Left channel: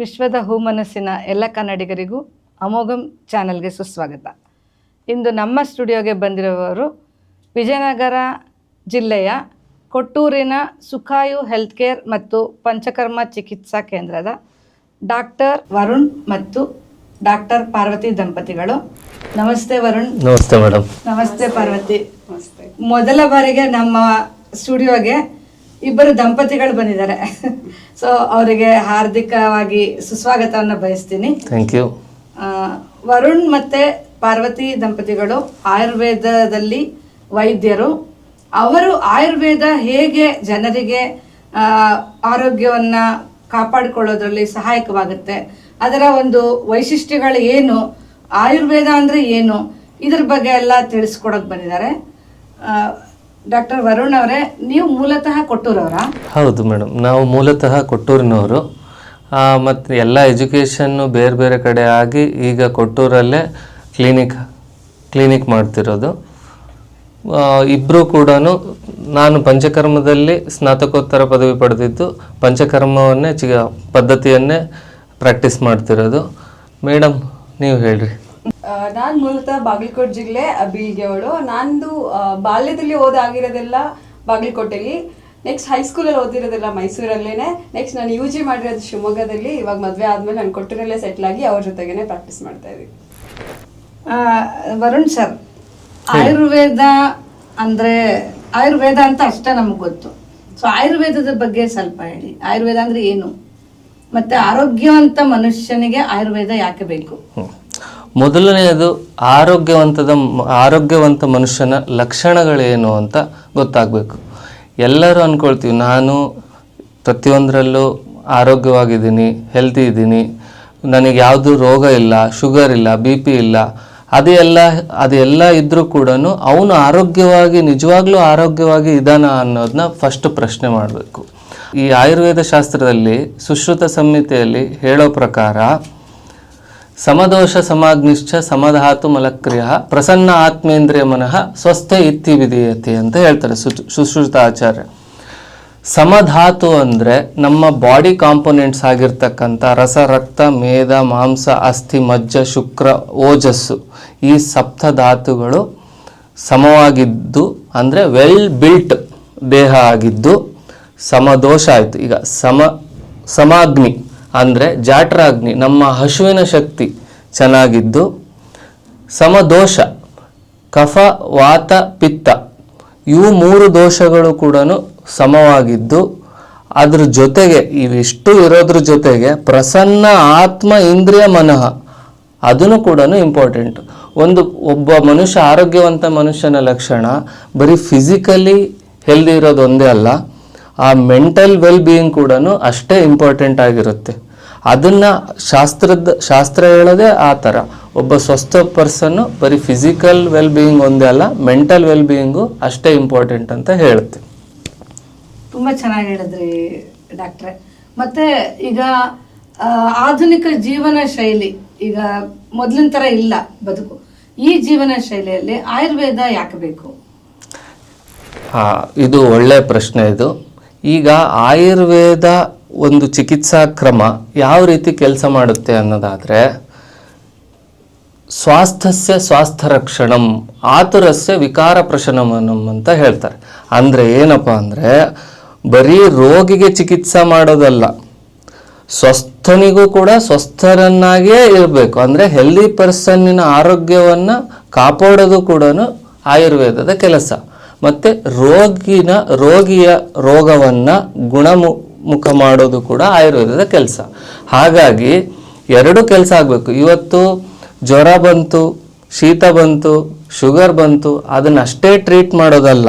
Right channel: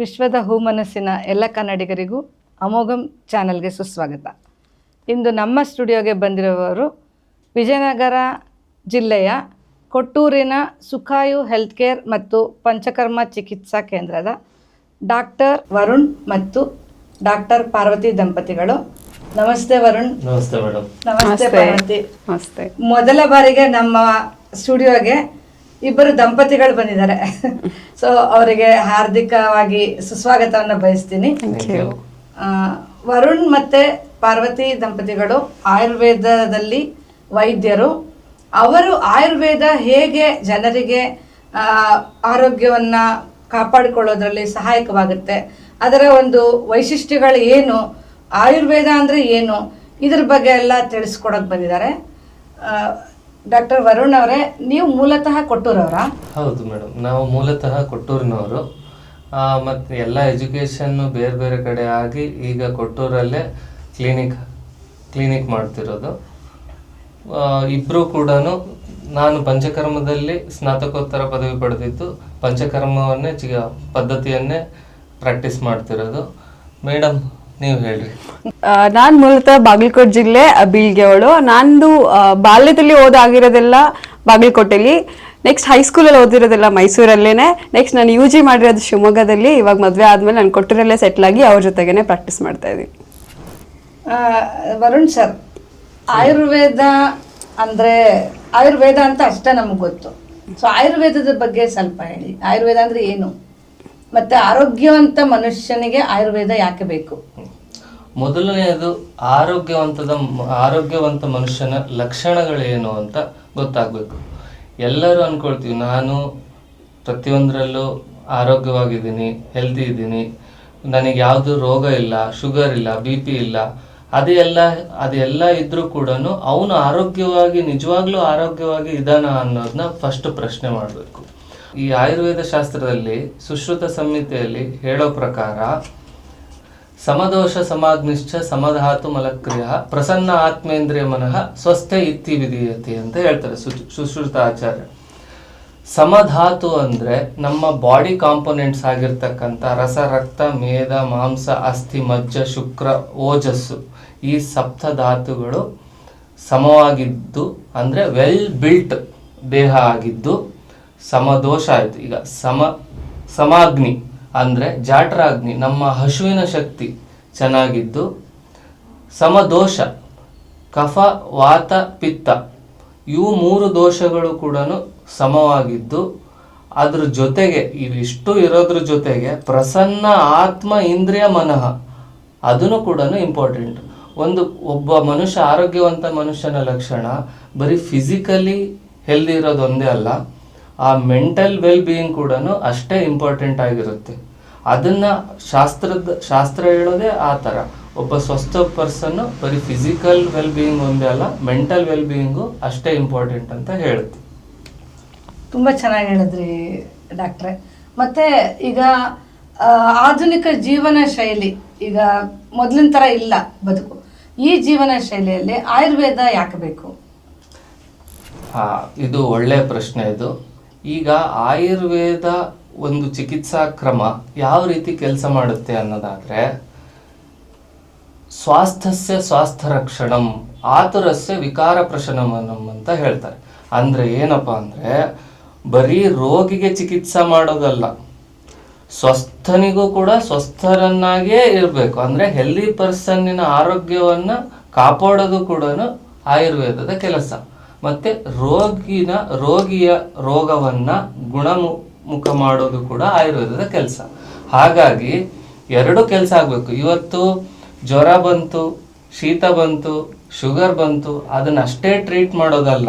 ವಿಶ್ವದ ಹೂಮನಸ್ಸಿನ ಎಲ್ಲ ಕನ್ನಡಿಗರಿಗೂ ಅಮೋಘಂ ಚಾನಲ್ಗೆ ಸುಸ್ವಾಗತ. ಇಂದು ನಮ್ಮ ಸ್ಟುಡಿಯೋಗೆ ಬಂದಿರುವವರು ವಿಜಯನಗರ ಜಿಲ್ಲೆಯ ಕೊಟ್ಟೂರಿನ ಸುಖಾಯು ಹೆಲ್ತ್ ಕೇರ್ ಮತ್ತು ಪಂಚಕರ್ಮ ಚಿಕಿತ್ಸಾ ಕೇಂದ್ರದ ಡಾಕ್ಟರ್ ವರುಣ್ ಮತ್ತು ಡಾಕ್ಟರ್ ಪಾರ್ವತಿ ದಂಪತಿಗಳು. ನಮಸ್ತೆ ವರುಣ್. ನಮಸ್ತೆ ಮೇಡಮ್. ನಮಸ್ತೆ ಪಾರ್ವತಿ. ನಮಸ್ತೆ. ಮೊದಲ ಬಾರಿಗೆ ನಮ್ಮ ಸ್ಟುಡಿಯೋಗೆ ಇಬ್ಬರು ದಂಪತಿಗಳು ಬಂದಿದ್ದಾರೆ. ಸೊ ಅವರಿಗೆ ಹಾರ್ದಿಕವಾಗಿ ಸುಸ್ವಾಗತವನ್ನು ಬಯಸ್ತೀನಿ. ವರುಣ್ ಮತ್ತೆ ಪಾರ್ವತಿ ದಂಪತಿಗಳು ಆಯುರ್ವೇದದಲ್ಲಿ ವೈದ್ಯರು. ಅವರು ಆಯುರ್ವೇದ ಹೇಗೆ ಜನರಿಗೆ ಆರೋಗ್ಯವನ್ನು ಕಾಪಾಡಿಕೊಳ್ಳೋದ್ರಲ್ಲಿ ಸಹಾಯಕವಾಗುತ್ತೆ, ಅದರ ಒಂದು ವೈಶಿಷ್ಟ್ಯಗಳು ಏನು, ಆಯುರ್ವೇದ ಅಂದರೆ ಏನು, ಇದ್ರ ಬಗ್ಗೆ ಎಲ್ಲ ತಿಳಿಸ್ಕೊಡೋಕೆ ಬಂದಿದ್ದಾರೆ. ಡಾಕ್ಟರ್ ವರುಣ್ ಅವರೇ, ನೀವು ಮೂಲತಃ ಕೊಟ್ಟೂರವರಾ? ಹೌದು ಮೇಡಮ್, ನಾವು ಮೂಲತಃ ಕೊಟ್ಟೂರಿನವರು. ಮತ್ತು ಎಲ್ಲ ಎಜುಕೇಷನ್ನು ಬೇರೆ ಬೇರೆ ಕಡೆ ಆಗಿ ಈಗ ಕೊಟ್ಟೂರಲ್ಲೇ ಕ್ಲಿನಿಕ್ ಮಾಡ್ತಿರೋದು. ಇಬ್ಬರು ಕೂಡ ನಾನು ಪಂಚಕರ್ಮದಲ್ಲಿ ಸ್ನಾತಕೋತ್ತರ ಪದವಿ ಪಡೆದಿದ್ದು ಪಂಚಕರ್ಮವನ್ನೇ ಪದ್ಧತಿಯನ್ನೇ ಪ್ರಾಕ್ಟೀಸ್ ಮಾಡ್ತಿರೋದು. ಮೇಡಮ್ ನೀವು ಹೇಳ್ರಿ. ನಾನು ಮೂಲತಃ ಬಾಗಲಕೋಟೆ ಜಿಲ್ಲೆ ಬೀಳ್ಗೆವಳು. ನಂದು ಬಾಲ್ಯದಲ್ಲಿ ಓದಾಗಿರೋದೆಲ್ಲ ಬಾಗಲಕೋಟೆಲಿ, ನೆಕ್ಸ್ಟ್ ಹೈಸ್ಕೂಲಲ್ಲಿ ಓದಿರೋದೆಲ್ಲ ಮೈಸೂರಲ್ಲೇನೆ. ನೆಕ್ಸ್ಟ್ ನಾನು UG ಮಾಡಿರೋದು ಶಿವಮೊಗ್ಗದಲ್ಲಿ. ಇವಾಗ ಮದುವೆ ಆದಮೇಲೆ ನಾನು ಕೊಟ್ಟೂರಲ್ಲೇ ಸೆಟ್ಲ್ ಆಗಿ ಅವ್ರ ಜೊತೆಗೇನೆ ಪ್ರಾಕ್ಟೀಸ್ ಮಾಡ್ತಾ ಇದ್ದೀನಿ. ವರುಣ್ ಸರ್, ಆಯುರ್ವೇದ ಅಂದರೆ ಆಯುರ್ವೇದ ಅಂತ ಅಷ್ಟೇ ನಮಗೆ ಗೊತ್ತು. ಸೊ ಆಯುರ್ವೇದದ ಬಗ್ಗೆ ಸ್ವಲ್ಪ ಹೇಳಿ. ಆಯುರ್ವೇದ ಅಂದರೆ ಏನು, ಮತ್ತು ಆರೋಗ್ಯವಂತ ಮನುಷ್ಯನಿಗೆ ಆಯುರ್ವೇದ ಯಾಕೆ ಬೇಕು? ಮೊದಲನೆಯದು ಆರೋಗ್ಯವಂತ ಮನುಷ್ಯನ ಲಕ್ಷಣಗಳೇನು ಅಂತ ಗೊತ್ತಾಗಬೇಕು. ಎಲ್ಲರೂ ಅಂದ್ಕೊಳ್ತೀವಿ ನಾನು ಪ್ರತಿಯೊಂದರಲ್ಲೂ ಆರೋಗ್ಯವಾಗಿದ್ದೀನಿ, ಹೆಲ್ತಿ ಇದ್ದೀನಿ, ನನಗೆ ಯಾವುದು ರೋಗ ಇಲ್ಲ, ಶುಗರ್ ಇಲ್ಲ, BP ಇಲ್ಲ. ಅದೆಲ್ಲ ಇದ್ರೂ ಕೂಡ ಅವನು ನಿಜವಾಗ್ಲೂ ಆರೋಗ್ಯವಾಗಿ ಇದ್ದಾನ ಅನ್ನೋದನ್ನ ಫಸ್ಟ್ ಪ್ರಶ್ನೆ ಮಾಡಬೇಕು. ಈ ಆಯುರ್ವೇದ ಶಾಸ್ತ್ರದಲ್ಲಿ ಸುಶ್ರುತ ಸಂಹಿತೆಯಲ್ಲಿ ಹೇಳೋ ಪ್ರಕಾರ ಸಮದೋಷ ಸಮಾಗ್ನಿಶ್ಚ ಸಮಧಾತು ಮಲಕ್ರಿಯ ಪ್ರಸನ್ನ ಆತ್ಮೇಂದ್ರಿಯ ಮನಃ ಸ್ವಸ್ಥೆ ಇತ್ತಿ ವಿಧೀಯತೆ ಅಂತ ಹೇಳ್ತಾರೆ ಸುಶ್ರುತ ಆಚಾರ್ಯ. ಸಮಧಾತು ಅಂದರೆ ನಮ್ಮ ಬಾಡಿ ಕಾಂಪೊನೆಂಟ್ಸ್ ಆಗಿರ್ತಕ್ಕಂಥ ರಸ, ರಕ್ತ, ಮೇದ, ಮಾಂಸ, ಅಸ್ಥಿ, ಮಜ್ಜ, ಶುಕ್ರ, ಓಜಸ್ಸು, ಈ ಸಪ್ತಧಾತುಗಳು ಸಮವಾಗಿದ್ದು ಅಂದರೆ ವೆಲ್ ಬಿಲ್ಟ್ ದೇಹ ಆಗಿದ್ದು ಸಮದೋಷ ಆಯಿತು. ಈಗ ಸಮಾಗ್ನಿ ಅಂದರೆ ಜಾಠರಾಗ್ನಿ, ನಮ್ಮ ಹಸುವಿನ ಶಕ್ತಿ ಚೆನ್ನಾಗಿದ್ದು, ಸಮದೋಷ ಕಫ, ವಾತ, ಪಿತ್ತ, ಇವು 3 ದೋಷಗಳು ಕೂಡ ಸಮವಾಗಿದ್ದು, ಅದ್ರ ಜೊತೆಗೆ ಇವಿಷ್ಟು ಇರೋದ್ರ ಜೊತೆಗೆ ಪ್ರಸನ್ನ ಆತ್ಮ ಇಂದ್ರಿಯ ಮನಃ ಅದನ್ನು ಕೂಡ ಇಂಪಾರ್ಟೆಂಟ್. ಒಬ್ಬ ಮನುಷ್ಯ ಆರೋಗ್ಯವಂತ ಮನುಷ್ಯನ ಲಕ್ಷಣ ಬರೀ ಫಿಸಿಕಲಿ ಹೆಲ್ದಿ ಇರೋದು ಒಂದೇ ಅಲ್ಲ, ಆ ಮೆಂಟಲ್ ವೆಲ್ ಬೀಯಿಂಗ್ ಕೂಡ ಅಷ್ಟೇ ಇಂಪಾರ್ಟೆಂಟ್ ಆಗಿರುತ್ತೆ. ಅದನ್ನು ಶಾಸ್ತ್ರ ಹೇಳೋದೇ ಆ ಥರ. ಒಬ್ಬ ಸ್ವಸ್ಥ ಪರ್ಸನ್ನು ಬರೀ ಫಿಸಿಕಲ್ ವೆಲ್ ಬೀಯಿಂಗ್ ಒಂದೇ ಅಲ್ಲ, ಮೆಂಟಲ್ ವೆಲ್ ಬೀಯಿಂಗು ಅಷ್ಟೇ ಇಂಪಾರ್ಟೆಂಟ್ ಅಂತ ಹೇಳುತ್ತೆ. ತುಂಬ ಚೆನ್ನಾಗಿ ಹೇಳಿದ್ರಿ ಡಾಕ್ಟ್ರೆ. ಮತ್ತು ಈಗ ಆಧುನಿಕ ಜೀವನ ಶೈಲಿ ಈಗ ಮೊದಲಿನ ಥರ ಇಲ್ಲ ಬದುಕು. ಈ ಜೀವನ ಶೈಲಿಯಲ್ಲಿ ಆಯುರ್ವೇದ ಯಾಕೆ ಬೇಕು? ಇದು ಒಳ್ಳೆಯ ಪ್ರಶ್ನೆ. ಇದು ಈಗ ಆಯುರ್ವೇದ ಒಂದು ಚಿಕಿತ್ಸಾ ಕ್ರಮ ಯಾವ ರೀತಿ ಕೆಲಸ ಮಾಡುತ್ತೆ ಅನ್ನೋದಾದರೆ, ಸ್ವಾಸ್ಥ್ಯ ರಕ್ಷಣಂ ಆತುರಸ್ಯ ವಿಕಾರ ಪ್ರಶಮನಂ ಅಂತ ಹೇಳ್ತಾರೆ. ಅಂದರೆ ಏನಪ್ಪ ಅಂದರೆ ಬರೀ ರೋಗಿಗೆ ಚಿಕಿತ್ಸೆ ಮಾಡೋದಲ್ಲ, ಸ್ವಸ್ಥನಿಗೂ ಕೂಡ ಸ್ವಸ್ಥರನ್ನಾಗೇ ಇರಬೇಕು. ಅಂದರೆ ಹೆಲ್ದಿ ಪರ್ಸನ್ನಿನ ಆರೋಗ್ಯವನ್ನು ಕಾಪಾಡೋದು ಕೂಡ ಆಯುರ್ವೇದದ ಕೆಲಸ. ಮತ್ತು ರೋಗಿಯ ರೋಗವನ್ನು ಗುಣಮುಖ ಮಾಡೋದು ಕೂಡ ಆಯುರ್ವೇದದ ಕೆಲಸ. ಹಾಗಾಗಿ 2 ಕೆಲಸ ಆಗಬೇಕು. ಇವತ್ತು ಜ್ವರ ಬಂತು, ಶೀತ ಬಂತು, ಶುಗರ್ ಬಂತು, ಅದನ್ನಷ್ಟೇ ಟ್ರೀಟ್ ಮಾಡೋದಲ್ಲ,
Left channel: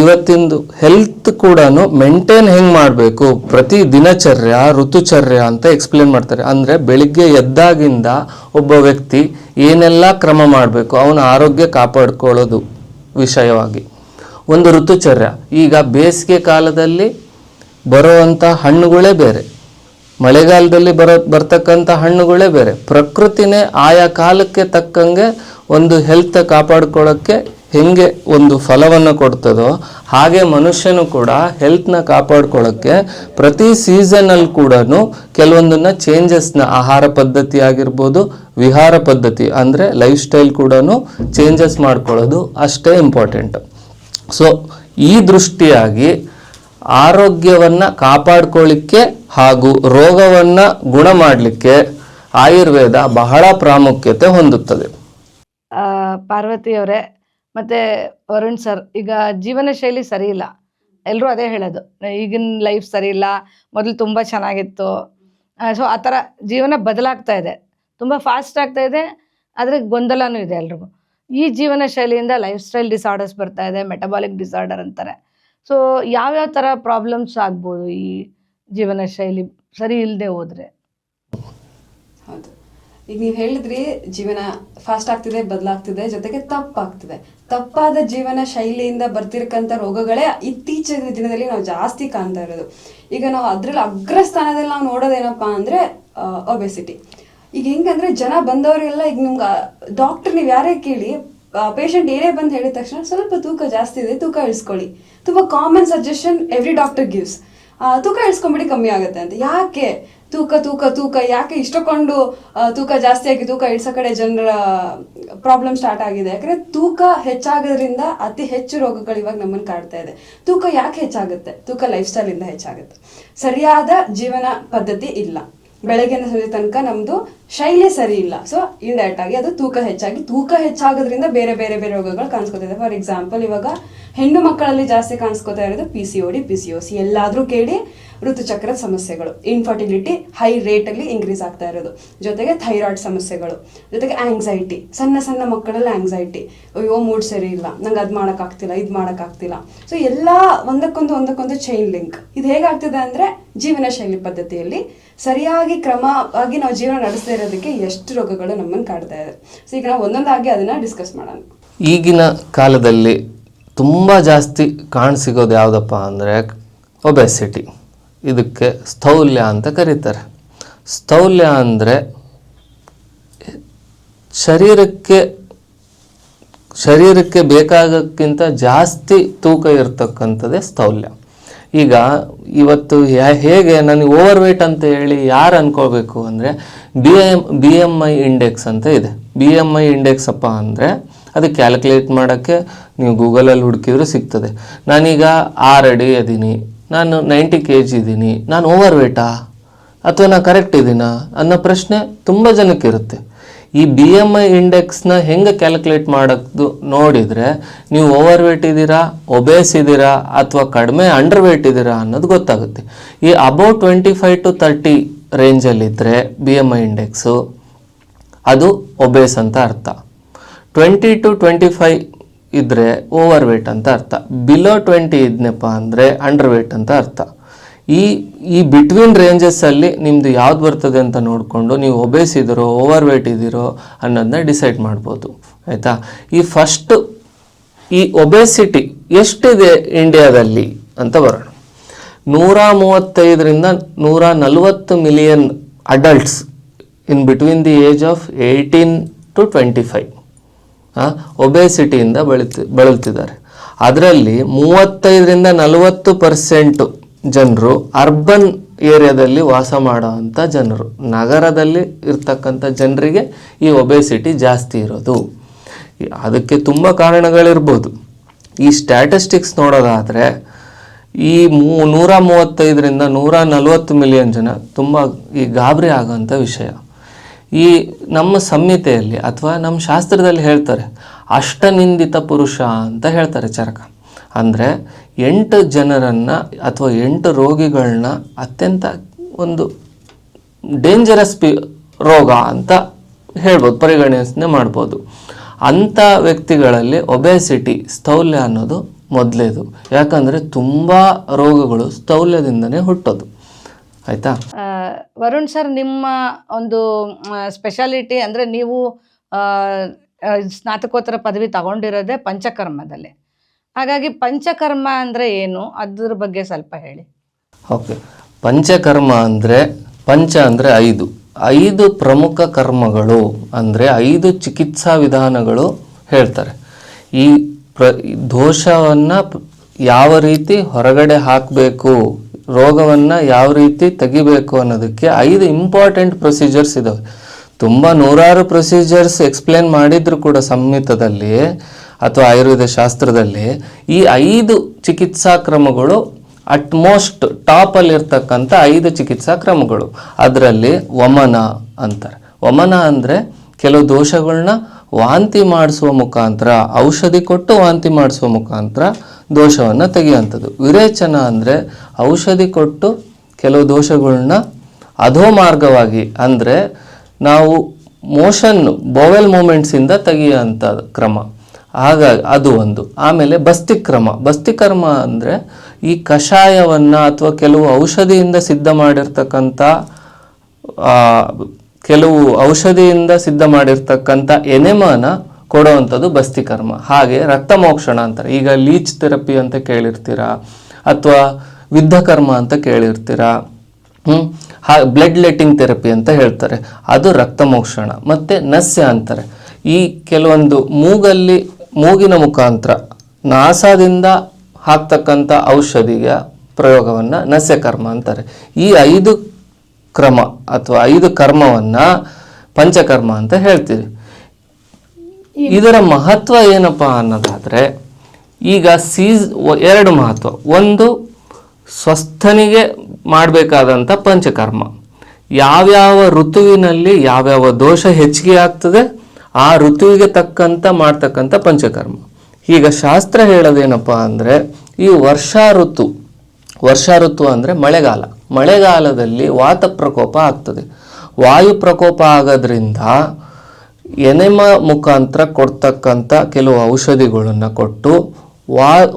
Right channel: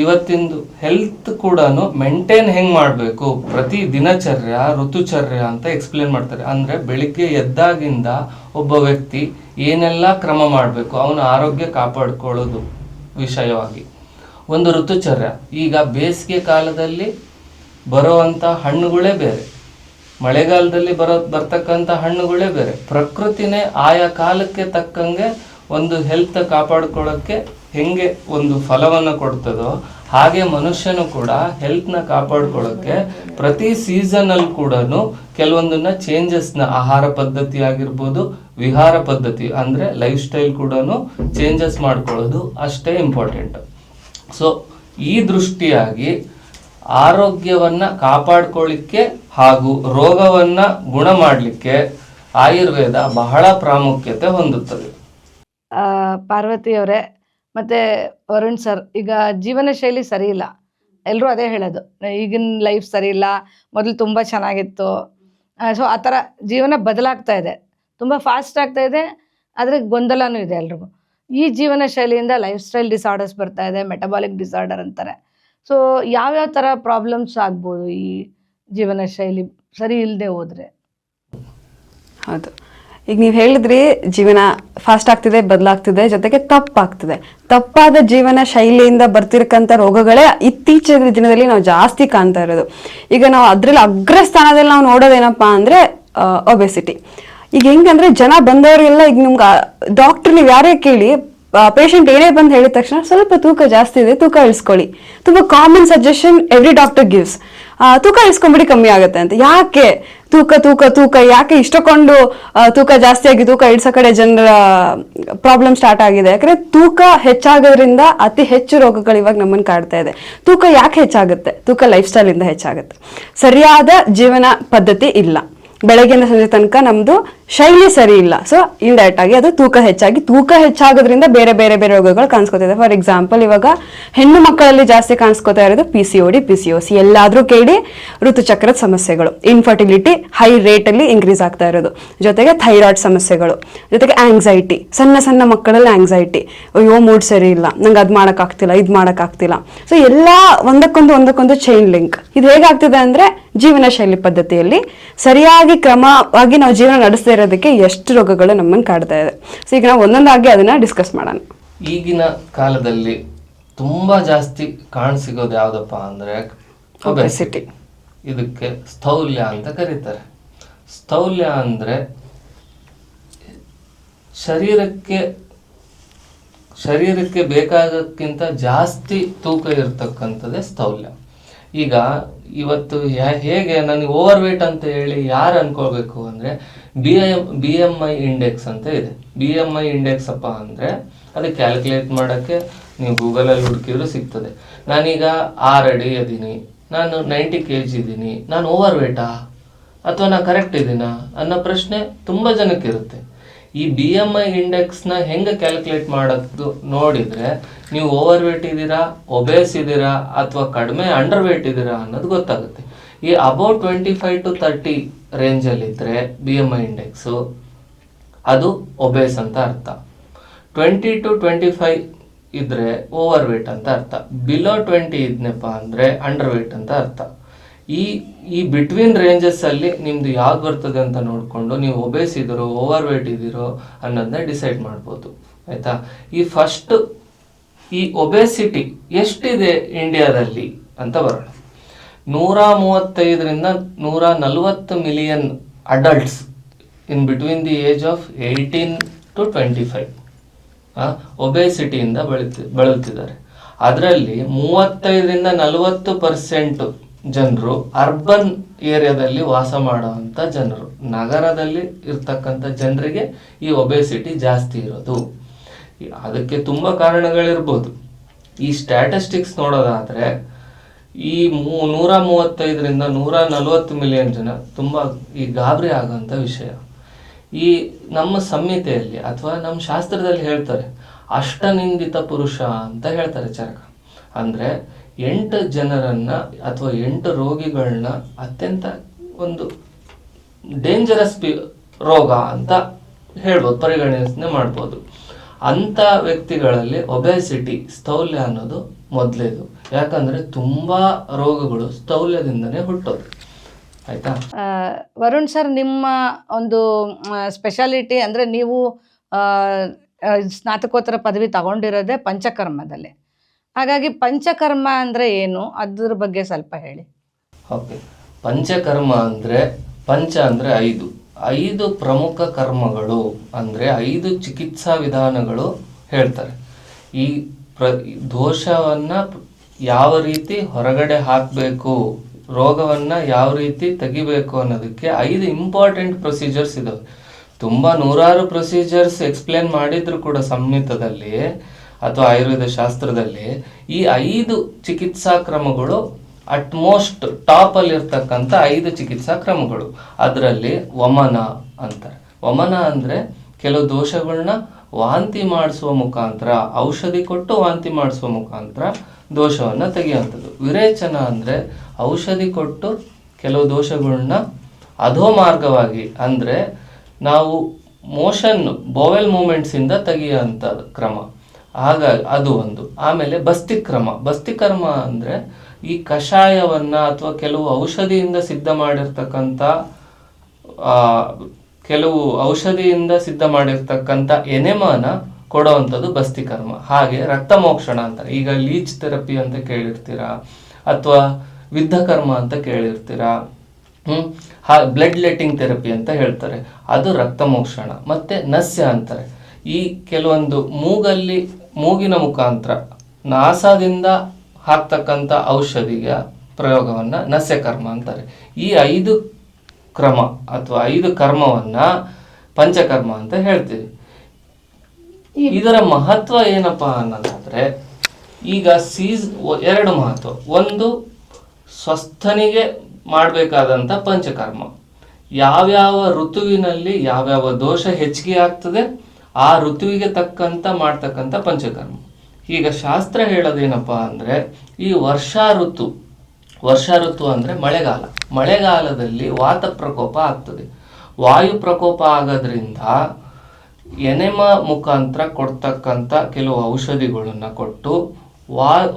ಇವತ್ತಿಂದು ಹೆಲ್ತ್ ಕೂಡ ಮೇಂಟೈನ್ ಹೆಂಗೆ ಮಾಡಬೇಕು, ಪ್ರತಿ ದಿನಚರ್ಯ ಋತುಚರ್ಯ ಅಂತ ಎಕ್ಸ್ಪ್ಲೇನ್ ಮಾಡ್ತಾರೆ. ಅಂದರೆ ಬೆಳಿಗ್ಗೆ ಎದ್ದಾಗಿಂದ ಒಬ್ಬ ವ್ಯಕ್ತಿ ಏನೆಲ್ಲ ಕ್ರಮ ಮಾಡಬೇಕು ಅವನ ಆರೋಗ್ಯ ಕಾಪಾಡ್ಕೊಳ್ಳೋದು ವಿಷಯವಾಗಿ ಒಂದು ಋತುಚರ್ಯ. ಈಗ ಬೇಸಿಗೆ ಕಾಲದಲ್ಲಿ ಬರೋವಂಥ ಹಣ್ಣುಗಳೇ ಬೇರೆ, ಮಳೆಗಾಲದಲ್ಲಿ ಬರ್ತಕ್ಕಂಥ ಹಣ್ಣುಗಳೇ ಬೇರೆ. ಪ್ರಕೃತಿನೇ ಆಯಾ ಕಾಲಕ್ಕೆ ತಕ್ಕಂಗೆ ಒಂದು ಹೆಲ್ತ್ ಕಾಪಾಡ್ಕೊಳ್ಳೋಕ್ಕೆ ಹೆಂಗೆ ಒಂದು ಫಲವನ್ನು ಕೊಡ್ತದೋ ಹಾಗೆ ಮನುಷ್ಯನು ಕೂಡ ಹೆಲ್ತ್ನ ಕಾಪಾಡ್ಕೊಳ್ಳೋಕ್ಕೆ ಪ್ರತಿ ಸೀಸನಲ್ಲಿ ಕೂಡ ಕೆಲವೊಂದನ್ನ ಚೇಂಜಸ್ನ ಆಹಾರ ಪದ್ಧತಿ ಆಗಿರ್ಬೋದು, ವಿಹಾರ ಪದ್ಧತಿ ಅಂದರೆ ಲೈಫ್ ಸ್ಟೈಲ್ ಕೂಡ ಚೇಂಜಸ್ ಮಾಡ್ಕೊಳ್ಳೋದು ಅಷ್ಟೇ ಇಂಪಾರ್ಟೆಂಟ್. ಸೊ ಈ ದೃಷ್ಟಿಯಾಗಿ ಆರೋಗ್ಯವನ್ನ ಕಾಪಾಡ್ಕೊಳ್ಳಿಕ್ಕೆ ಹಾಗೂ ರೋಗವನ್ನ ಗುಣ ಮಾಡಲಿಕ್ಕೆ ಆಯುರ್ವೇದ ಬಹಳ ಪ್ರಾಮುಖ್ಯತೆ ಹೊಂದುತ್ತದೆ. ಪಾರ್ವತಿ ಅವರೇ ಮತ್ತೆ ವರುಣ್ ಸರ್, ಈಗ ಜೀವನ ಶೈಲಿ ಸರಿ ಇಲ್ಲ, ಎಲ್ಲರೂ ಅದೇ ಹೇಳೋದು, ಈಗಿನ ಲೈಫ್ ಸರಿ ಇಲ್ಲ, ಮೊದಲು ತುಂಬ ಚೆನ್ನಾಗಿತ್ತು. ಸೊ ಆ ಥರ ಜೀವನ ಬದಲಾಗ್ತಾ ಇದೆ, ತುಂಬ ಫಾಸ್ಟ್ ಆಗ್ತಾ ಇದೆ, ಆದರೆ ಗೊಂದಲನೂ ಇದೆ ಎಲ್ರಿಗೂ. ಈ ಜೀವನ ಶೈಲಿಯಿಂದ ಲೈಫ್ ಸ್ಟೈಲ್ ಡಿಸಾರ್ಡರ್ಸ್ ಬರ್ತಾ ಇದೆ, ಮೆಟಬಾಲಿಕ್ ಡಿಸಾರ್ಡರ್ ಅಂತಾರೆ. ಸೊ ಯಾವ್ಯಾವ ಥರ ಪ್ರಾಬ್ಲಮ್ಸ್ ಆಗ್ಬೋದು ಈ ಜೀವನ ಶೈಲಿ ಸರಿ ಇಲ್ಲದೆ ಹೋದರೆ? ಹೌದು, ಈಗ ನೀವು ಹೇಳಿದ್ರಿ ಜೀವನ ಫಾಸ್ಟ್ ಆಗ್ತಿದೆ, ಬದಲಾಗ್ತಿದೆ, ಜೊತೆಗೆ ತಪ್ಪಾಗ್ತಿದೆ. ತಪ್ಪಾದ ಜೀವನ ಶೈಲಿಯಿಂದ ಬರ್ತಿರಕ್ಕಂಥ ರೋಗಗಳೇ ಇತ್ತೀಚಿನ ದಿನದಲ್ಲಿ ನಾವು ಜಾಸ್ತಿ ಕಾಣ್ತಾ ಇರೋದು. ಈಗ ನಾವು ಅದ್ರಲ್ಲಿ ಅಗ್ರಸ್ಥಾನದಲ್ಲಿ ನಾವು ನೋಡೋದೇನಪ್ಪಾ ಅಂದ್ರೆ ಒಬೆಸಿಟಿ. ಈಗ ಹೆಂಗಂದ್ರೆ ಜನ ಬಂದವರಿಗೆಲ್ಲ, ಈಗ ನಿಮ್ಗೆ ಡಾಕ್ಟರ್ ನೀವು ಯಾರೇ ಕೇಳಿ, ಪೇಷಂಟ್ ಏನೇ ಬಂದು ಹೇಳಿದ ತಕ್ಷಣ ಸ್ವಲ್ಪ ತೂಕ ಜಾಸ್ತಿ ಇದೆ, ತೂಕ ಇಳಿಸ್ಕೊಳ್ಳಿ. ತುಂಬಾ common suggestion every doctor gives, ತೂಕ ಇಳಿಸ್ಕೊಂಬಿಡಿ ಕಮ್ಮಿ ಆಗುತ್ತೆ ಅಂತ. ಯಾಕೆ ತೂಕ ತೂಕ ತೂಕ ಯಾಕೆ ಇಷ್ಟಕೊಂಡು ತೂಕ ಜಾಸ್ತಿ ಆಗಿ ತೂಕ ಇಳಿಸೋ ಕಡೆ ಜನರ ಪ್ರಾಬ್ಲಮ್ ಸ್ಟಾರ್ಟ್ ಆಗಿದೆ? ಯಾಕಂದ್ರೆ ತೂಕ ಹೆಚ್ಚಾಗೋದ್ರಿಂದ ಅತಿ ಹೆಚ್ಚು ರೋಗಗಳು ಇವಾಗ ನಮ್ಮನ್ನು ಕಾಡ್ತಾ ಇದೆ. ತೂಕ ಯಾಕೆ ಹೆಚ್ಚಾಗುತ್ತೆ? ತೂಕ ಲೈಫ್ ಸ್ಟೈಲ್ ಇಂದ ಹೆಚ್ಚಾಗುತ್ತೆ. ಸರಿಯಾದ ಜೀವನ ಪದ್ಧತಿ ಇಲ್ಲ, ಬೆಳಗ್ಗೆಯಿಂದ ಸಂಜೆ ತನಕ ನಮ್ದು ಶೈಲಿ ಸರಿ ಇಲ್ಲ. ಸೊ ಇಂಡೈರೆಕ್ಟ್ ಆಗಿ ಅದು ತೂಕ ಹೆಚ್ಚಾಗೋದ್ರಿಂದ ಬೇರೆ ಬೇರೆ ಬೇರೆ ರೋಗಗಳು ಕಾಣಿಸ್ಕೊತಿದೆ. ಫಾರ್ ಎಕ್ಸಾಂಪಲ್, ಇವಾಗ ಹೆಣ್ಣು ಮಕ್ಕಳಲ್ಲಿ ಜಾಸ್ತಿ ಕಾಣಿಸ್ಕೊತಾ ಇರೋದು PCOD, PCOS. ಎಲ್ಲಾದ್ರೂ ಕೇಳಿ ಋತುಚಕ್ರದ ಸಮಸ್ಯೆಗಳು, ಇನ್ಫರ್ಟಿಲಿಟಿ ಹೈ ರೇಟ್ ಅಲ್ಲಿ ಇನ್ಕ್ರೀಸ್ ಆಗ್ತಾ ಇರೋದು, ಜೊತೆಗೆ ಥೈರಾಯ್ಡ್ ಸಮಸ್ಯೆಗಳು, ಜೊತೆಗೆ ಆಂಗ್ಸೈಟಿ. ಸಣ್ಣ ಸಣ್ಣ ಮಕ್ಕಳಲ್ಲಿ ಆಂಗ್ಸೈಟಿ, ಅಯ್ಯೋ ಮೂಡ್ ಸರಿ ಇಲ್ಲ, ನಂಗೆ ಅದ್ ಮಾಡಕ್ ಆಗ್ತಿಲ್ಲ, ಇದ್ ಮಾಡಕ್ ಆಗ್ತಿಲ್ಲ. ಸೊ ಎಲ್ಲ ಒಂದಕ್ಕೊಂದು ಚೈನ್ ಲಿಂಕ್. ಇದು ಹೇಗಾಗ್ತಿದೆ ಅಂದ್ರೆ ಜೀವನ ಶೈಲಿ ಪದ್ಧತಿಯಲ್ಲಿ ಸರಿಯಾಗಿ ಕ್ರಮವಾಗಿ ನಾವು ಜೀವನ ನಡೆಸದೇ ಇರೋದಕ್ಕೆ ಎಷ್ಟು ರೋಗಗಳು ನಮ್ಮನ್ನು ಕಾಡ್ತಾ ಇದೆ. ಸೊ ಈಗ ನಾವು ಒಂದೊಂದಾಗಿ ಅದನ್ನ ಡಿಸ್ಕಸ್ ಮಾಡೋಣ. ಈಗಿನ ಕಾಲದಲ್ಲಿ ತುಂಬ ಜಾಸ್ತಿ ಕಾಣಸಿಗೋದು ಯಾವುದಪ್ಪ ಅಂದರೆ ಒಬೆಸಿಟಿ. ಇದಕ್ಕೆ ಸ್ಥೌಲ್ಯ ಅಂತ ಕರೀತಾರೆ. ಸ್ಥೌಲ್ಯ ಅಂದರೆ ಶರೀರಕ್ಕೆ ಬೇಕಾಗಕ್ಕಿಂತ ಜಾಸ್ತಿ ತೂಕ ಇರ್ತಕ್ಕಂಥದ್ದೇ ಸ್ಥೌಲ್ಯ. ಈಗ ಇವತ್ತು ಹೇಗೆ ನನಗೆ ಓವರ್ ವೇಟ್ ಅಂತ ಹೇಳಿ ಯಾರು ಅನ್ಕೋಬೇಕು ಅಂದರೆ BMI ಇಂಡೆಕ್ಸ್ ಅಂತ ಇದೆ. BMI ಇಂಡೆಕ್ಸ್ ಅಪ್ಪ ಅಂದರೆ ಅದು ಕ್ಯಾಲ್ಕುಲೇಟ್ ಮಾಡೋಕ್ಕೆ ನೀವು ಗೂಗಲಲ್ಲಿ ಹುಡುಕಿದ್ರು ಸಿಗ್ತದೆ. ನಾನೀಗ 6 ಅಡಿ ಇದ್ದೀನಿ, ನಾನು 90 kg ಇದ್ದೀನಿ, ನಾನು ಓವರ್ ವೇಟಾ ಅಥವಾ ನಾನು ಕರೆಕ್ಟ್ ಇದ್ದೀನಾ ಅನ್ನೋ ಪ್ರಶ್ನೆ ತುಂಬ ಜನಕ್ಕೆ ಇರುತ್ತೆ. ಈ BMI ಇಂಡೆಕ್ಸ್ನ ಹೆಂಗೆ ಕ್ಯಾಲ್ಕುಲೇಟ್ ಮಾಡೋದು ನೋಡಿದರೆ ನೀವು ಓವರ್ ವೇಟ್ ಇದ್ದೀರಾ, ಒಬೇಸ್ ಇದ್ದೀರಾ ಅಥವಾ ಕಡಿಮೆ ಅಂಡರ್ ವೇಟ್ ಇದ್ದೀರಾ ಅನ್ನೋದು ಗೊತ್ತಾಗುತ್ತೆ. ಈ ಅಬೌಟ್ 25 to 30 ರೇಂಜಲ್ಲಿದ್ದರೆ BMI ಇಂಡೆಕ್ಸು ಅದು ಒಬೇಸ್ ಅಂತ ಅರ್ಥ. 20 to 25 ಇದ್ದರೆ ಓವರ್ ವೇಟ್ ಅಂತ ಅರ್ಥ. ಬಿಲೋ 20 ಇದ್ನಪ್ಪ ಅಂದರೆ ಅಂಡರ್ ವೇಟ್ ಅಂತ ಅರ್ಥ. ಈ ಬಿಟ್ವೀನ್ ರೇಂಜಸ್ಸಲ್ಲಿ ನಿಮ್ಮದು ಯಾವ್ದು ಬರ್ತದೆ ಅಂತ ನೋಡಿಕೊಂಡು ನೀವು ಒಬೇಸ್ ಇದ್ದೀರೋ ಓವರ್ ವೇಟ್ ಇದ್ದೀರೋ ಅನ್ನೋದನ್ನ ಡಿಸೈಡ್ ಮಾಡ್ಬೋದು. ಆಯಿತಾ? ಈ ಒಬೇಸಿಟಿ ಎಷ್ಟಿದೆ ಇಂಡಿಯಾದಲ್ಲಿ ಅಂತ ಬರೋಣ. 135 ರಿಂದ 140 million adults in between the age of 18 to 25 ಒಬೇಸಿಟಿಯಿಂದ ಬಳಲ್ತಿದ್ದಾರೆ. ಅದರಲ್ಲಿ 35 ರಿಂದ 40% ಜನರು ಅರ್ಬನ್ ಏರಿಯಾದಲ್ಲಿ ವಾಸ ಮಾಡೋವಂಥ ಜನರು. ನಗರದಲ್ಲಿ ಇರ್ತಕ್ಕಂಥ ಜನರಿಗೆ ಈ ಒಬೇಸಿಟಿ ಜಾಸ್ತಿ ಇರೋದು. ಅದಕ್ಕೆ ತುಂಬ ಕಾರಣಗಳಿರ್ಬೋದು. ಈ ಸ್ಟ್ಯಾಟಿಸ್ಟಿಕ್ಸ್ ನೋಡೋದಾದರೆ ಈ 135 ರಿಂದ 140 ಮಿಲಿಯನ್ ಜನ ತುಂಬ ಈ ಗಾಬರಿ ಆಗೋಂಥ ವಿಷಯ. ಈ ನಮ್ಮ ಸಂಹಿತೆಯಲ್ಲಿ ಅಥವಾ ನಮ್ಮ ಶಾಸ್ತ್ರದಲ್ಲಿ ಹೇಳ್ತಾರೆ ಅಷ್ಟನಿಂದಿತ ಪುರುಷ ಅಂತ ಹೇಳ್ತಾರೆ ಚರಕ. ಅಂದರೆ 8 ಜನರನ್ನು ಅಥವಾ 8 ರೋಗಿಗಳನ್ನ ಅತ್ಯಂತ ಒಂದು ಡೇಂಜರಸ್ ರೋಗ ಅಂತ ಹೇಳ್ಬೋದು, ಪರಿಗಣನೆ ಮಾಡ್ಬೋದು. ಅಂಥ ವ್ಯಕ್ತಿಗಳಲ್ಲಿ ಒಬೆಸಿಟಿ, ಸ್ಥೌಲ್ಯ ಅನ್ನೋದು ಮೊದಲೇದು. ಯಾಕಂದರೆ ತುಂಬ ರೋಗಗಳು ಸ್ಥೌಲ್ಯದಿಂದನೇ ಹುಟ್ಟೋದು. ಆಯಿತಾ? ವರುಣ್ ಸರ್, ನಿಮ್ಮ ಒಂದು ಸ್ಪೆಷಾಲಿಟಿ ಅಂದರೆ ನೀವು ಸ್ನಾತಕೋತ್ತರ ಪದವಿ ತಗೊಂಡಿರೋದೇ ಪಂಚಕರ್ಮದಲ್ಲಿ. ಹಾಗಾಗಿ ಪಂಚಕರ್ಮ ಅಂದರೆ ಏನು, ಅದ್ರ ಬಗ್ಗೆ ಸ್ವಲ್ಪ ಹೇಳಿ. ಓಕೆ, ಪಂಚಕರ್ಮ ಅಂದರೆ ಪಂಚ ಅಂದರೆ 5 ಪ್ರಮುಖ ಕರ್ಮಗಳು ಅಂದರೆ 5 ಚಿಕಿತ್ಸಾ ವಿಧಾನಗಳು ಹೇಳ್ತಾರೆ. ಈ ದೋಷವನ್ನು ಯಾವ ರೀತಿ ಹೊರಗಡೆ ಹಾಕಬೇಕು, ರೋಗವನ್ನು ಯಾವ ರೀತಿ ತೆಗಿಬೇಕು ಅನ್ನೋದಕ್ಕೆ 5 ಇಂಪಾರ್ಟೆಂಟ್ ಪ್ರೊಸೀಜರ್ಸ್ ಇದಾವೆ. ತುಂಬ ನೂರಾರು ಪ್ರೊಸೀಜರ್ಸ್ ಎಕ್ಸ್ಪ್ಲೇನ್ ಮಾಡಿದ್ರು ಕೂಡ ಸಂಹಿತದಲ್ಲಿ ಅಥವಾ ಆಯುರ್ವೇದ ಶಾಸ್ತ್ರದಲ್ಲಿ ಈ 5 ಚಿಕಿತ್ಸಾ ಕ್ರಮಗಳು ಅಟ್ಮೋಸ್ಟ್ ಟಾಪಲ್ಲಿರ್ತಕ್ಕಂಥ 5 ಚಿಕಿತ್ಸಾ ಕ್ರಮಗಳು. ಅದರಲ್ಲಿ ವಮನ ಅಂತಾರೆ. ವಮನ ಅಂದರೆ ಕೆಲವು ದೋಷಗಳನ್ನ ವಾಂತಿ ಮಾಡಿಸುವ ಮುಖಾಂತರ, ಔಷಧಿ ಕೊಟ್ಟು ವಾಂತಿ ಮಾಡಿಸುವ ಮುಖಾಂತರ ದೋಷವನ್ನು ತೆಗೆಯುವಂಥದ್ದು. ವಿರೇಚನ ಅಂದರೆ ಔಷಧಿ ಕೊಟ್ಟು ಕೆಲವು ದೋಷಗಳನ್ನ ಅಧೋಮಾರ್ಗವಾಗಿ ಅಂದರೆ ನಾವು ಮೋಷನ್ ಬೋವೆಲ್ ಮೂಮೆಂಟ್ಸಿಂದ ತೆಗೆಯುವಂಥ ಕ್ರಮ. ಹಾಗಾಗಿ ಅದು ಒಂದು. ಆಮೇಲೆ ಬಸ್ತಿಕ್ರಮ ಅಂದರೆ ಈ ಕಷಾಯವನ್ನು ಅಥವಾ ಕೆಲವು ಔಷಧಿಯಿಂದ ಸಿದ್ಧ ಮಾಡಿರ್ತಕ್ಕಂಥ ಎನೆಮಾನ ಕೊಡುವಂಥದ್ದು ಬಸ್ತಿಕರ್ಮ. ಹಾಗೆ ರಕ್ತಮೋಕ್ಷಣ ಅಂತಾರೆ. ಈಗ ಲೀಚ್ ಥೆರಪಿ ಅಂತ ಕೇಳಿರ್ತೀರಾ, ಅಥವಾ ವಿದ್ಧಕರ್ಮ ಅಂತ ಕೇಳಿರ್ತೀರಾ. ಬ್ಲಡ್ ಲೆಟ್ಟಿಂಗ್ ಥೆರಪಿ ಅಂತ ಹೇಳ್ತಾರೆ, ಅದು ರಕ್ತಮೋಕ್ಷಣ. ಮತ್ತು ನಸ್ಯ ಅಂತಾರೆ. ಈ ಕೆಲವೊಂದು ಮೂಗಿನ ಮುಖಾಂತರ ನಾಸಾದಿಂದ ಹಾಕ್ತಕ್ಕಂಥ ಔಷಧಿಯ ಪ್ರಯೋಗವನ್ನು ನಸ್ಯಕರ್ಮ ಅಂತಾರೆ. ಈ 5 ಕ್ರಮ ಅಥವಾ 5 ಕರ್ಮವನ್ನು ಪಂಚಕರ್ಮ ಅಂತ ಹೇಳ್ತೀವಿ. ಇದರ ಮಹತ್ವ ಏನಪ್ಪ ಅನ್ನೋದಾದರೆ, ಈಗ 2 ಮಹತ್ವ. ಒಂದು, ಸ್ವಸ್ಥನಿಗೆ ಮಾಡಬೇಕಾದಂಥ ಪಂಚಕರ್ಮ. ಯಾವ್ಯಾವ ಋತುವಿನಲ್ಲಿ ಯಾವ್ಯಾವ ದೋಷ ಹೆಚ್ಚಿಗೆ ಆಗ್ತದೆ ಆ ಋತುವಿಗೆ ತಕ್ಕಂತ ಮಾಡ್ತಕ್ಕಂಥ ಪಂಚಕರ್ಮ. ಈಗ ಶಾಸ್ತ್ರ ಹೇಳೋದೇನಪ್ಪ ಅಂದರೆ, ಈ ವರ್ಷಾ ಋತು ಅಂದರೆ ಮಳೆಗಾಲದಲ್ಲಿ ವಾತ ಪ್ರಕೋಪ ಆಗ್ತದೆ. ವಾಯು ಪ್ರಕೋಪ ಆಗೋದ್ರಿಂದ ಎನೆಮ ಮುಖಾಂತರ ಕೊಡ್ತಕ್ಕಂಥ ಕೆಲವು ಔಷಧಿಗಳನ್ನು ಕೊಟ್ಟು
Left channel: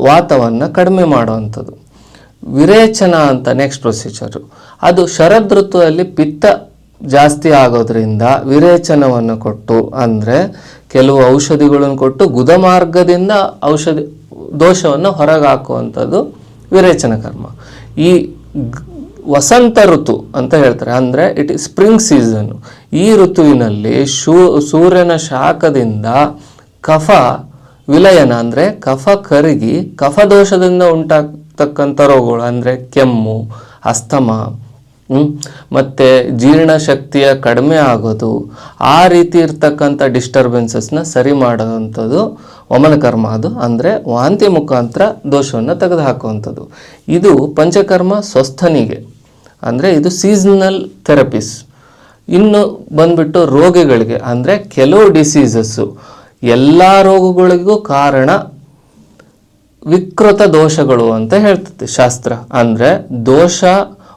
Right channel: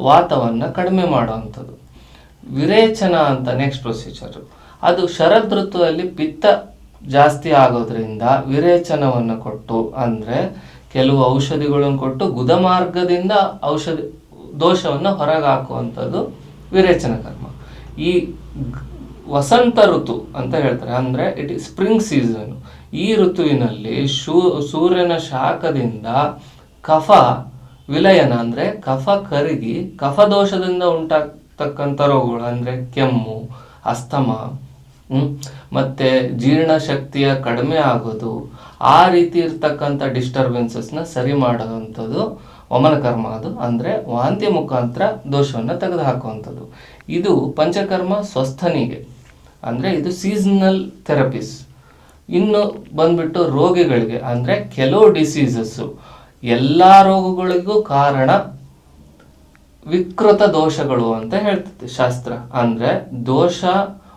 ವಾತವನ್ನು ಕಡಿಮೆ ಮಾಡುವಂಥದ್ದು. ವಿರೇಚನ ಅಂತ ನೆಕ್ಸ್ಟ್ ಪ್ರೊಸೀಜರು. ಅದು ಶರದ್ ಋತುವಲ್ಲಿ ಪಿತ್ತ ಜಾಸ್ತಿ ಆಗೋದ್ರಿಂದ ವಿರೇಚನವನ್ನು ಕೊಟ್ಟು, ಅಂದರೆ ಕೆಲವು ಔಷಧಿಗಳನ್ನು ಕೊಟ್ಟು ಗುದಮಾರ್ಗದಿಂದ ದೋಷವನ್ನು ಹೊರಗೆ ಹಾಕುವಂಥದ್ದು ವಿರೇಚನ ಕರ್ಮ. ಈ ವಸಂತ ಋತು ಅಂತ ಹೇಳ್ತಾರೆ, ಅಂದರೆ ಇಟ್ ಇಸ್ ಸ್ಪ್ರಿಂಗ್ ಸೀಸನ್. ಈ ಋತುವಿನಲ್ಲಿ ಸೂರ್ಯನ ಶಾಖದಿಂದ ಕಫ ವಿಲಯನ ಅಂದರೆ ಕಫ ಕರಗಿ ಕಫದೋಷದಿಂದ ಉಂಟಾಗ್ತಕ್ಕಂಥ ರೋಗಗಳು ಅಂದರೆ ಕೆಮ್ಮು, ಅಸ್ತಮ, ಮತ್ತು ಜೀರ್ಣಶಕ್ತಿಯ ಕಡಿಮೆ ಆಗೋದು, ಆ ರೀತಿ ಇರ್ತಕ್ಕಂಥ ಡಿಸ್ಟರ್ಬೆನ್ಸಸ್ನ ಸರಿ ಮಾಡೋವಂಥದ್ದು ವಮನ ಕರ್ಮ. ಅದು ಅಂದರೆ ವಾಂತಿ ಮುಖಾಂತರ ದೋಷವನ್ನು ತೆಗೆದುಹಾಕುವಂಥದ್ದು. ಇದು ಪಂಚಕರ್ಮ ಸ್ವಸ್ಥನಿಗೆ, ಅಂದರೆ ಇದು ಸೀಸನಲ್ ಥೆರಪೀಸ್. ಇನ್ನು ಬಂದ್ಬಿಟ್ಟು ರೋಗಿಗಳಿಗೆ, ಅಂದರೆ ಕೆಲವು ಡಿಸೀಸಸ್ಸು, ಎಲ್ಲ ರೋಗಗಳಿಗೂ ಕಾರಣ ವಿಕೃತ ದೋಷಗಳು ಅಂತ ಹೇಳ್ತದೆ ಶಾಸ್ತ್ರ. ಅಂದರೆ ದೋಷ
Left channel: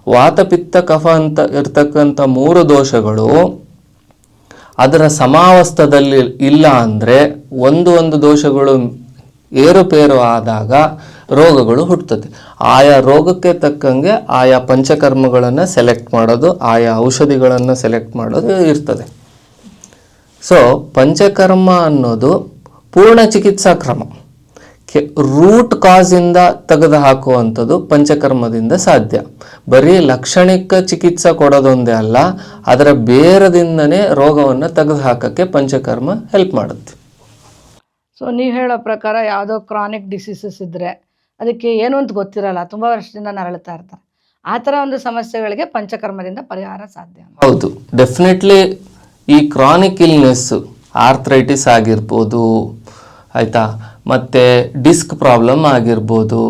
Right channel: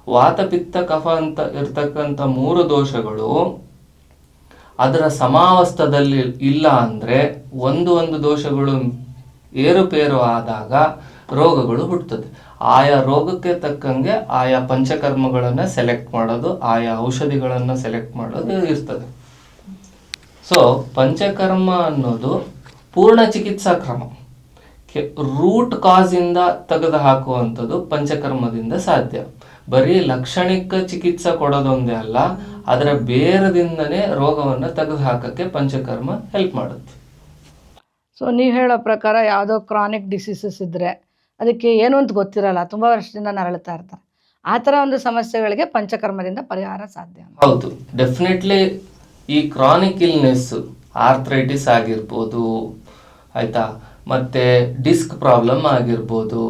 ವಾತಪಿತ್ತ ಕಫ ಅಂತ ಇರ್ತಕ್ಕಂಥ 3 ದೋಷಗಳು ಅದರ ಸಮಾವಸ್ಥದಲ್ಲಿ ಇಲ್ಲ ಅಂದರೆ ಒಂದು ದೋಷಗಳು ಏರುಪೇರು ಆದಾಗ ರೋಗಗಳು ಹುಟ್ಟುತ್ತದೆ. ಆಯಾ ರೋಗಕ್ಕೆ ತಕ್ಕಂಗೆ ಆಯಾ ಪಂಚಕರ್ಮಗಳನ್ನು ಸೆಲೆಕ್ಟ್ ಮಾಡೋದು, ಆಯಾ ಔಷಧಿಗಳನ್ನು ಸೆಲೆಕ್ಟ್ ಮಾಡೋದು ಇರ್ತದೆ. ಸೊ ಪಂಚಕರ್ಮ ಅನ್ನೋದು ಪೂರ್ಣ ಚಿಕಿತ್ಸಾ ಕ್ರಮ. ರೂಟ್ ಕಾಸಿಂದ ತೆಗೆದು ಹಾಕುವಂಥದ್ದು ಪಂಚಕರ್ಮದಿಂದ ಸಾಧ್ಯ. ಬರೀ ಲಕ್ಷಣಿಕ ಚಿಕಿತ್ಸೆ ಕೊಡೋದೊಂದೇ ಅಲ್ಲ, ಅದರ ಬೇರದಿಂದನೇ ರೋಗವನ್ನು ತೆಗೆದು ಹಾಕೋಕ್ಕೆ ಪಂಚಕರ್ಮ ಹೆಲ್ಪ್ ಮಾಡುತ್ತೆ. ಸೊ ನೀವು ಹೇಳೋ ಪ್ರಕಾರ ಯಾವುದೋ ಕ್ರಾನಿಕ್ ಡಿಸೀಸಸ್ ಇದ್ದರೆ ಅದಕ್ಕೆ ಏನು ಅಂತ ಗೊತ್ತಿರಲ್ಲ, ತುಂಬ ವರ್ಷದಿಂದ ನರಳುತ್ತಾ ಇರ್ತಾರೆ, ಆ ಥರ ಒಂದು ಸಮಸ್ಯೆಗಳಿಗೆ ಪಂಚಕರ್ಮದಿಂದ ಪರಿಹಾರ ಸಾಧ್ಯ. ಹೌದು, ಡೆಫಿನೆಟ್ಲಿ. ಈ ಕ್ರಾನಿಕ್ ಇಲ್ನೆಸ್, ಆರ್ಥ್ರೈಟಿಸ್ ಆಗಿರ್ಬೋದು, ಆಯಿತಾ, ಮತ್ತು ಡಿಸ್ಕ್ ಪ್ರಾಬ್ಲಮ್ ಆಗಿರ್ಬೋದು.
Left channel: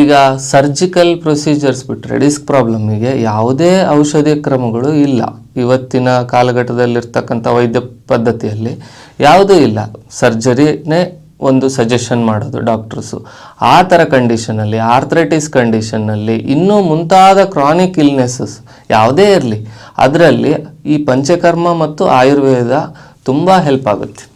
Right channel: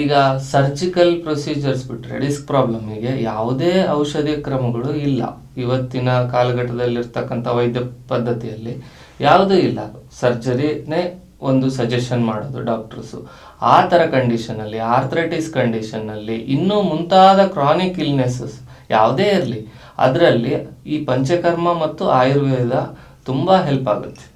ಈಗ ಸರ್ಜಿಕಲ್ ಪ್ರೊಸೀಜರ್ಸ್ ಬಿಟ್ಟರೆ ಡಿಸ್ಕ್ ಪ್ರಾಬ್ಲಮ್ಮಿಗೆ ಯಾವುದೇ ಔಷಧಿ ಕ್ರಮಗಳು ಇಲ್ಲ. ಇವತ್ತಿನ ಕಾಲಘಟ್ಟದಲ್ಲಿರ್ತಕ್ಕಂಥ ವೈದ್ಯ ಪದ್ಧತಿಯಲ್ಲಿ ಯಾವುದೂ ಇಲ್ಲ. ಸರ್ಜರಿನೇ ಒಂದು ಸಜೆಷನ್ ಮಾಡೋದು ಡಾಕ್ಟರ್ಸು. ಆ ಥರ ಕಂಡೀಷನಲ್ಲಿ, ಆರ್ಥ್ರೈಟಿಸ್ ಕಂಡೀಷನ್ನಲ್ಲಿ, ಇನ್ನೂ ಮುಂತಾದ ಕ್ರಾನಿಕ್ ಇಲ್ನೆಸಸ್ ಯಾವುದೇ ಇರಲಿ, ಅದರಲ್ಲಿ ಈ ಪಂಚಕರ್ಮ ಮತ್ತು ಆಯುರ್ವೇದ ತುಂಬ ಹೆಲ್ಪ್ ಆಗುತ್ತೆ.